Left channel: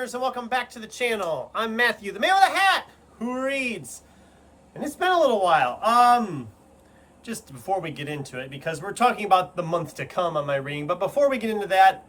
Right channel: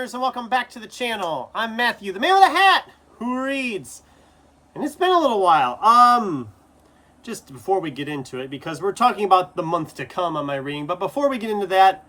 listeners, and welcome back to the channel. I'm Matthew, the man with a hat who reads. And it's been a little while. Just before we get into it, because we're talking about the month to come on my reading, but before we get into that,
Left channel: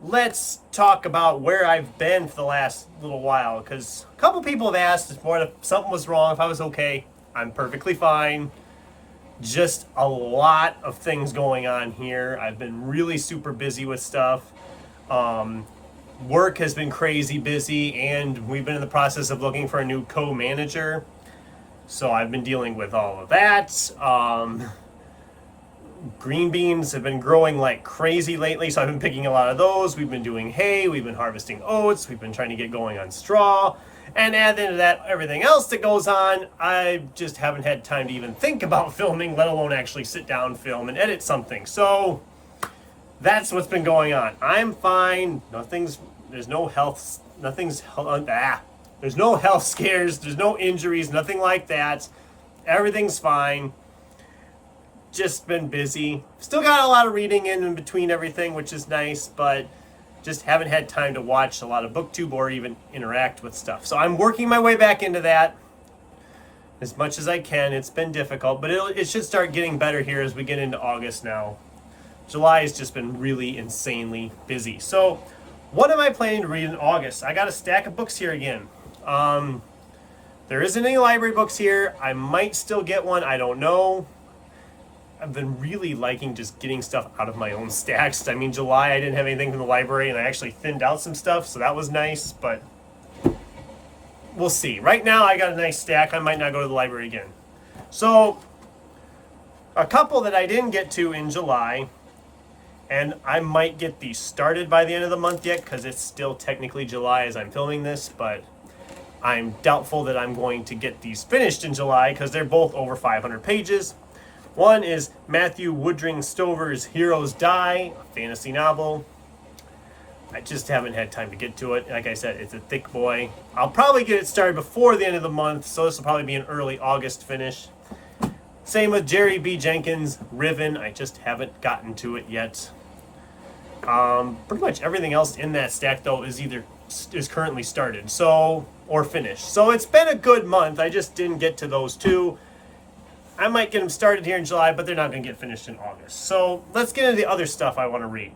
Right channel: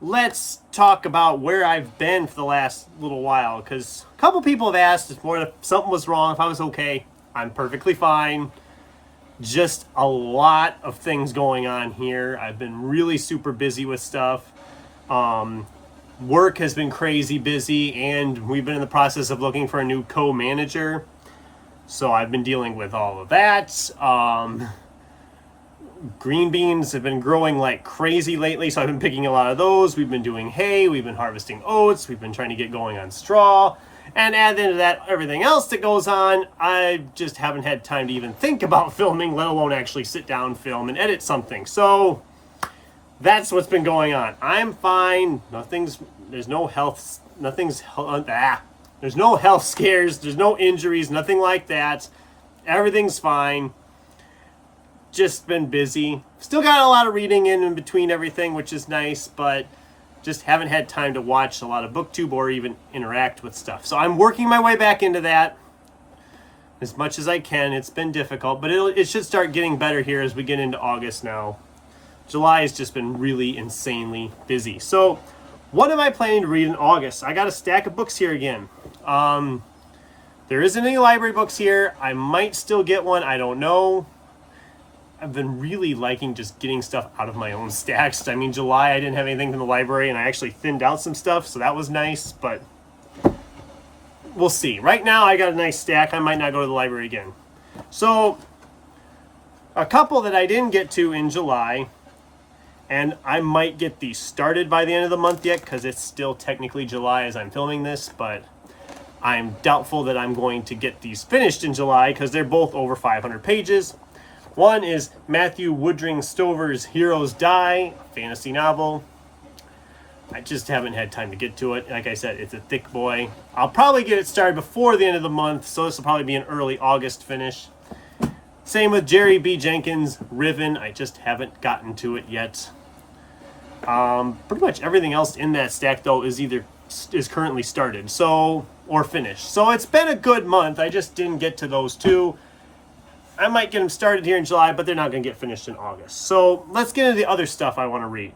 let's talk about where I've been for the last little while, because a couple people have asked if something was wrong, if I was okay. I'm perfectly fine. Just a lot of things going on here. I've been really super busy with stuff. Work has been crazy busy, and we've been in the process of looking for a new co-manager. So I've been dealing with all of that. Green beans have been growing like crazy lately, so I've been picking a lot of those. We've been doing hay, we've been harvesting oats, we've been trying to get going on straw. And add into that everything else that goes on, I just haven't had time to even think about filming, let alone actually sit down, film, and edit something. So that's what's been going on. I'm fine. There's no health scares, there's no injuries, nothing like that. Everything's fine. Just been busy. Still got a lot of reading in between everything, which is nice, but just haven't had time to watch a lot of BookTube or even interact with stuff. So I'm working my way back into that as much as I can. It's been difficult, but it should start getting better here as we get into August now. July has just been really insanely busy. So what am I planning to read in August? I got a stack of books here again. There isn't any library books here. I might still get one. I don't know. I've been really liking just getting stuff out of my own stacks. I mean, July I didn't have anything from the library, and I actually thinned out some stuff, so that was nice, but we'll see. Right now I got a nice stack. I might not go to the library again. So a couple that I didn't get to in July, and I might get these started by the end of the month yet, because it's still technically July as I'm filming this, but I'm doubtful that I'm going to get these finished in July because they're both over 500 pages. One is Matthew Woodring Stover's Heroes Die, a fantasy novel. I just haven't had time to get to it. Like I said, it's a thick boy. I'll probably get it started before the end of the month, so this will probably be an early August finish. Same with Jerry B. Jenkins' Riven. I just haven't gotten to it yet. Pretty much everything else in that stack, though, is currently started, or finished. So it's been a good month. I just didn't get to those two. I might get them started here in July, but they're not going to get finished in August. So let's get into the other stuff I want to read.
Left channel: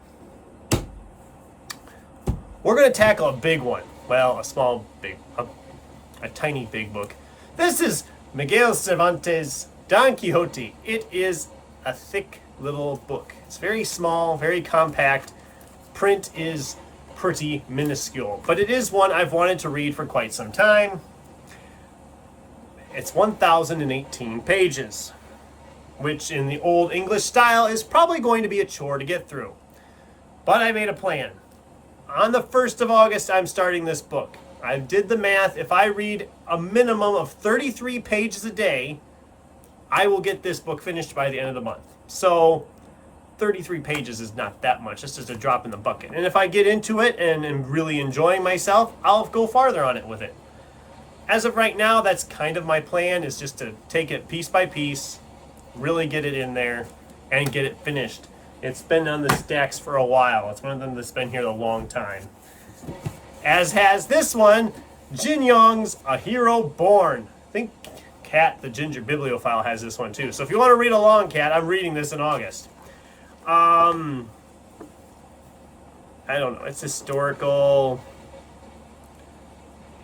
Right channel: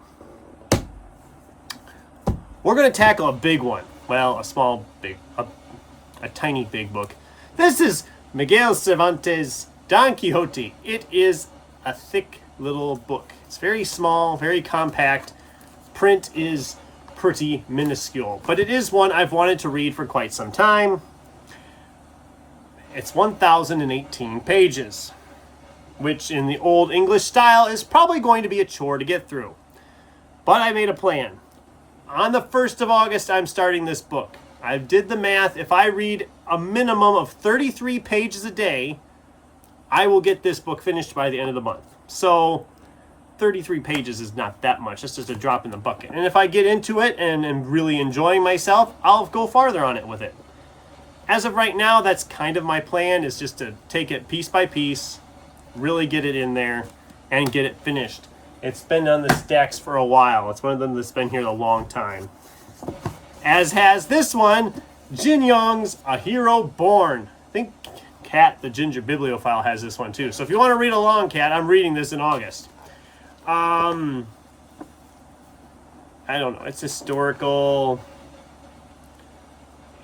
We're going to tackle a big one. Well, a tiny big book. This is Miguel Cervantes' Don Quixote. It is a thick little book. It's very small, very compact. Print is pretty minuscule, but it is one I've wanted to read for quite some time. It's 1,018 pages, which in the old English style is probably going to be a chore to get through. But I made a plan. On the 1st of August, I'm starting this book. I did the math. If I read a minimum of 33 pages a day, I will get this book finished by the end of the month. So 33 pages is not that much. It's just a drop in the bucket. And if I get into it and am really enjoying myself, I'll go farther on it with it. As of right now, that's kind of my plan, is just to take it piece by piece, really get it in there, and get it finished. It's been on the stacks for a while. It's one of them that's been here a long time. As has this one, Jin Yong's A Hero Born. I think Kat, the Ginger Bibliophile, has this one too. So if you want to read along, Kat, I'm reading this in August. I don't know. It's historical,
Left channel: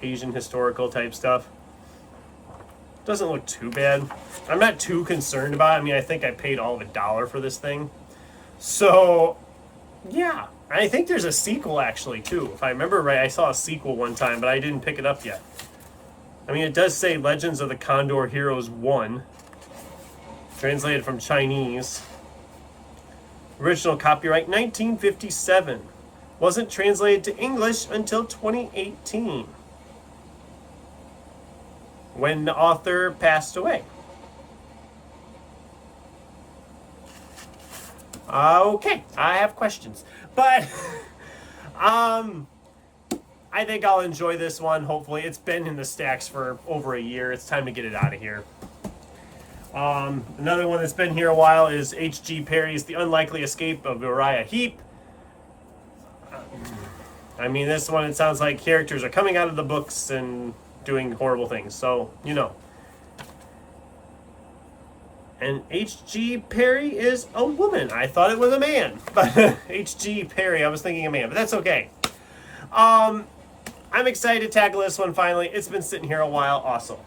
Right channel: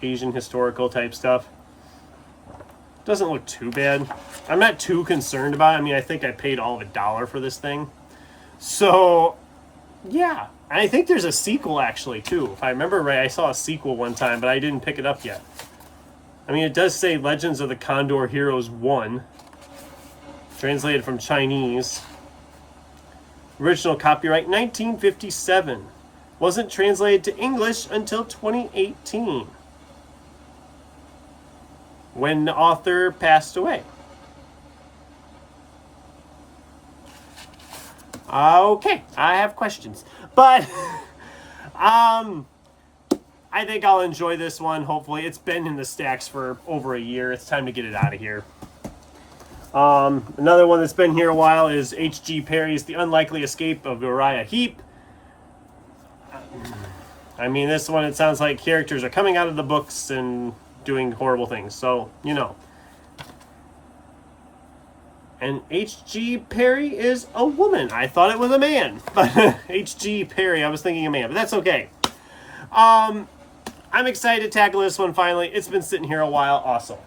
Asian historical type stuff. Doesn't look too bad. I'm not too concerned about it. I mean, I think I paid all of $1 for this thing. So, yeah. And I think there's a sequel actually too. If I remember right, I saw a sequel one time, but I didn't pick it up yet. I mean, it does say Legends of the Condor Heroes 1. Translated from Chinese. Original copyright 1957. Wasn't translated to English until 2018. When the author passed away. Okay, I have questions. But I think I'll enjoy this one, hopefully. It's been in the stacks for over a year. It's time to get it out of here. Another one that's been here a while is H.G. Perry's The Unlikely Escape of Uriah Heep. I mean, this one, it sounds like characters are coming out of the books and doing horrible things. So, you know. And H.G. Perry is a woman. I thought it was a man. But H.G. Perry, I was thinking a man. But that's okay. I'm excited to tackle this one finally. It's been sitting here a while. Awesome.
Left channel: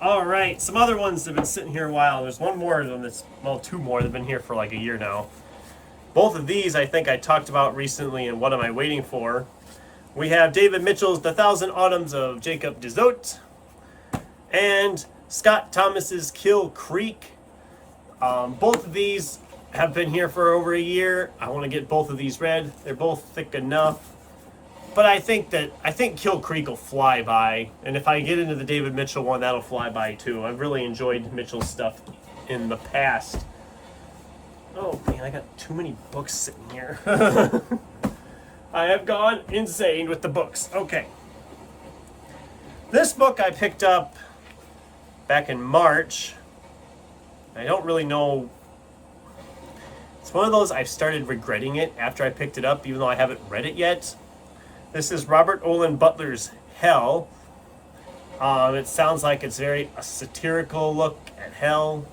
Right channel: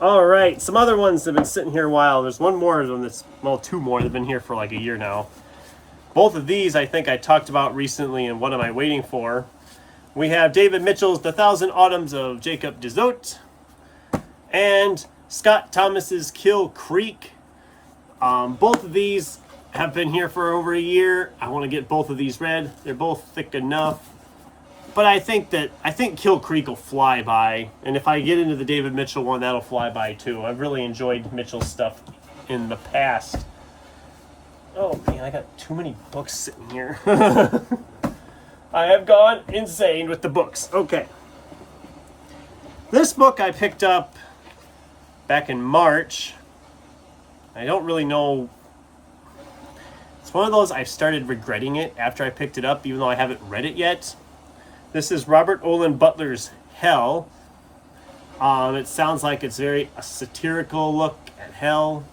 All right. Some other ones that have been sitting here a while. There's one more one that's, well, two more that have been here for like a year now. Both of these I think I talked about recently, and what am I waiting for? We have David Mitchell's The Thousand Autumns of Jacob Dezote and Scott Thomas's Kill Creek. Both of these have been here for over a year. I want to get both of these read. They're both thick enough. But I think Kill Creek will fly by. And if I get into the David Mitchell one, that'll fly by too. I've really enjoyed Mitchell's stuff in the past. Oh man, I got too many books sitting here. I have gone insane with the books. Okay. This book I picked up back in March. I don't really know. It's one of those I've started regretting it after I picked it up, even though I haven't read it yet. This is Robert Olin Butler's Hell. It sounds like it's a satirical look at hell.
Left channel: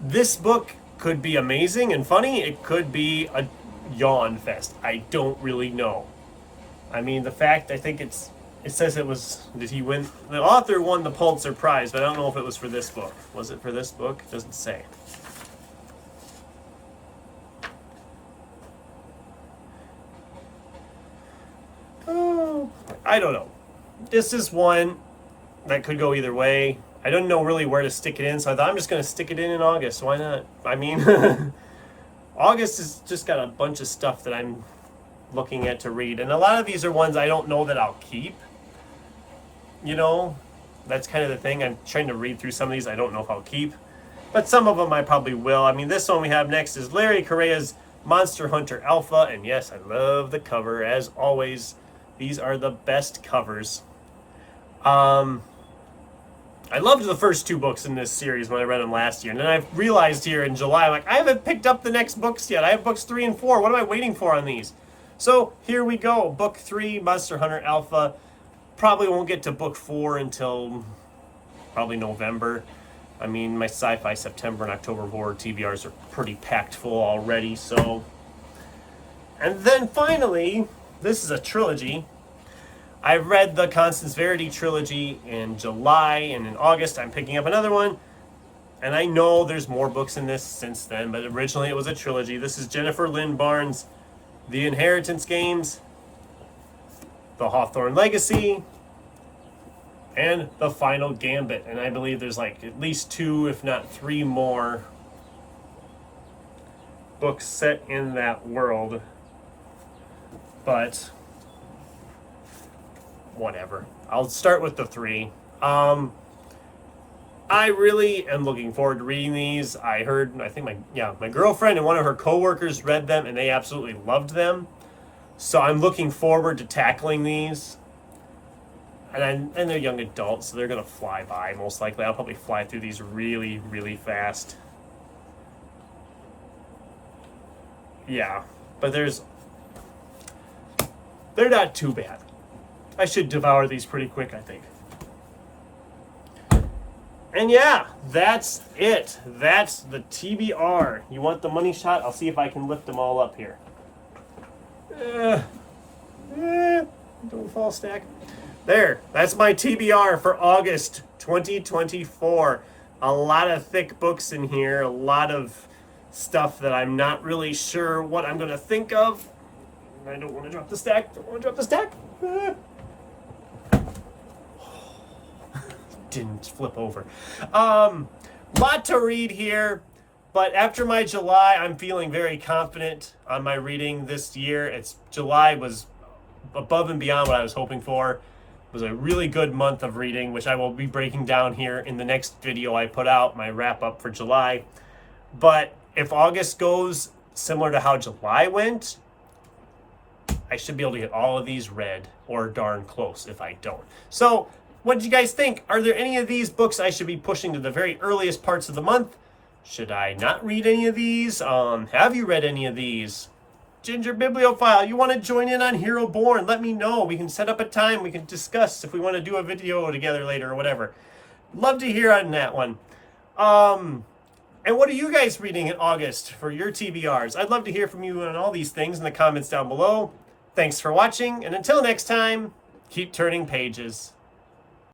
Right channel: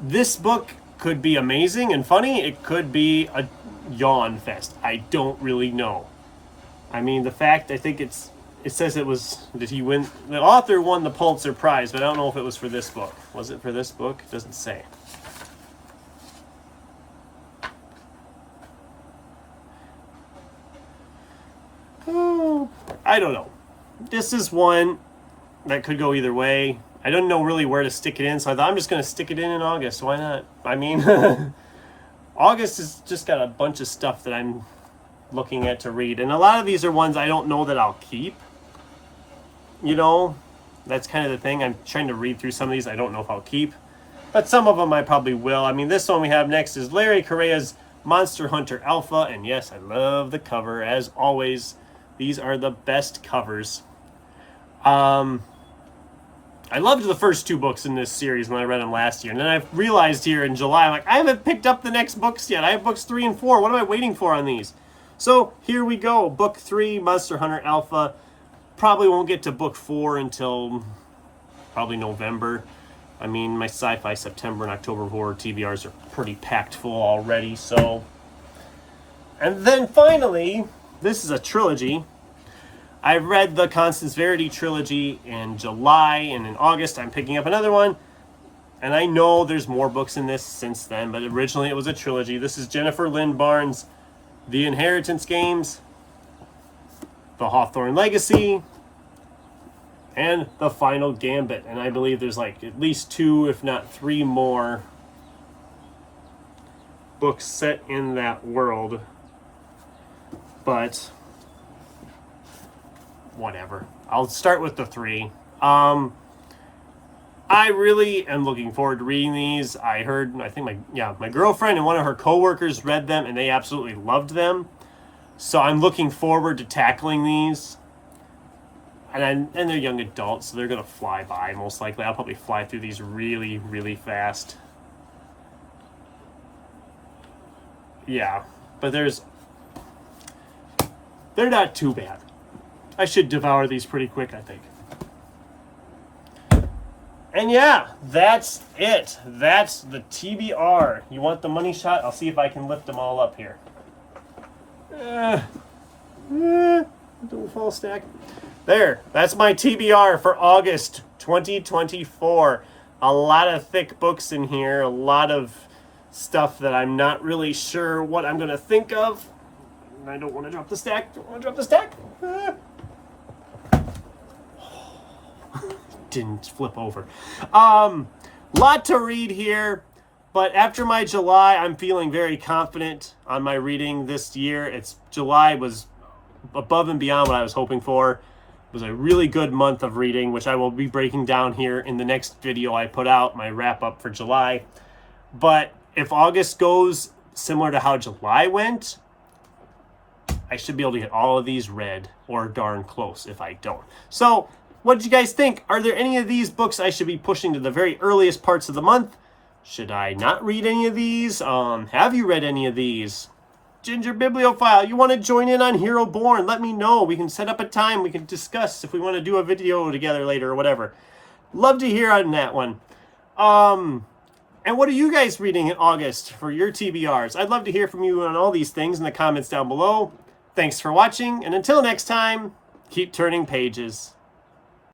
This book could be amazing and funny. It could be a yawn fest. I don't really know. I mean, the fact, I think it says it was, did he win? The author won the Pulitzer Prize, but I don't know if it was for this book. Was it for this book? It doesn't say. Oh, I don't know. This is one that could go either way. I don't know really where to stick it in, so I thought I'm just going to stick it in August. Why not? I mean, August has just got a bunch of stuff that I'm looking at to read. And a lot of these are ones I don't know that I'll keep. You know, that's kind of the thing. I'm trying to read through some of these I don't know if I'll keep. But some of them I probably will. I mean, this one we have next is Larry Correa's Monster Hunter Alpha. And yes, I love the cover. As always, these are the best covers. I loved the first two books in this series when I read them last year. And then I've realized here in July, I'm like, I haven't picked up the next books yet. I have books 3 and 4. What am I waiting for on these? So here we go. Book 3, Monster Hunter Alpha. Probably won't get to book 4 until probably November. I mean, my sci-fi September and October horror TBRs are pretty packed full already. So, and then finally, this is a trilogy. I read the Constance Verity trilogy in July, and in August I'm picking up another one. And I know there's more books in this since then, but originally it was a trilogy. This is Jennifer Lynn Barnes' The Inheritance Games, The Hawthorne Legacy, and The Final Gambit. And I believe there's like at least 2, if not 3 more books set in that world. But whatever. I'll start with the 3. I really am looking forward to reading these. I think my girlfriend and one of her coworkers read them and they absolutely loved them. So I'm looking forward to tackling these. And they're young adults, so they're going to fly by most likely. I'll probably fly through these really, really fast. Yeah, but they're not too bad. I should devour these pretty quick, I think. And yeah, that's it. That's the TBR. You want the money shot? I'll see if I can lift them all up here. Don't fall stack. There, that's my TBR for August 2024. A lot of thick books in here. A lot of stuff that I'm not really sure what I'm going to think of. I don't want to drop the stack. Didn't flip over. Lot to read here, but after my July, I'm feeling very confident on my reading this year. July was above and beyond what I was hoping for. It was a really good month of reading, which I will be breaking down here in the next video I put out, my wrap up for July. But if August goes similar to how July went, I should be able to get all of these read, or darn close if I don't. So, what did you guys think? Are there any of these books I should be pushing to the very earliest parts of the month? Should I not read any of these? Have you read any of these? Ginger Bibliophile, you want to join in on Hero Born? Let me know. We can set up a time. We can discuss if we want to do a video together later or whatever. Love to hear on that one. And what are you guys reading in August for your TBRs? I'd love to hear from you on all these things in the comments down below. Thanks for watching, and until next time, keep turning pages.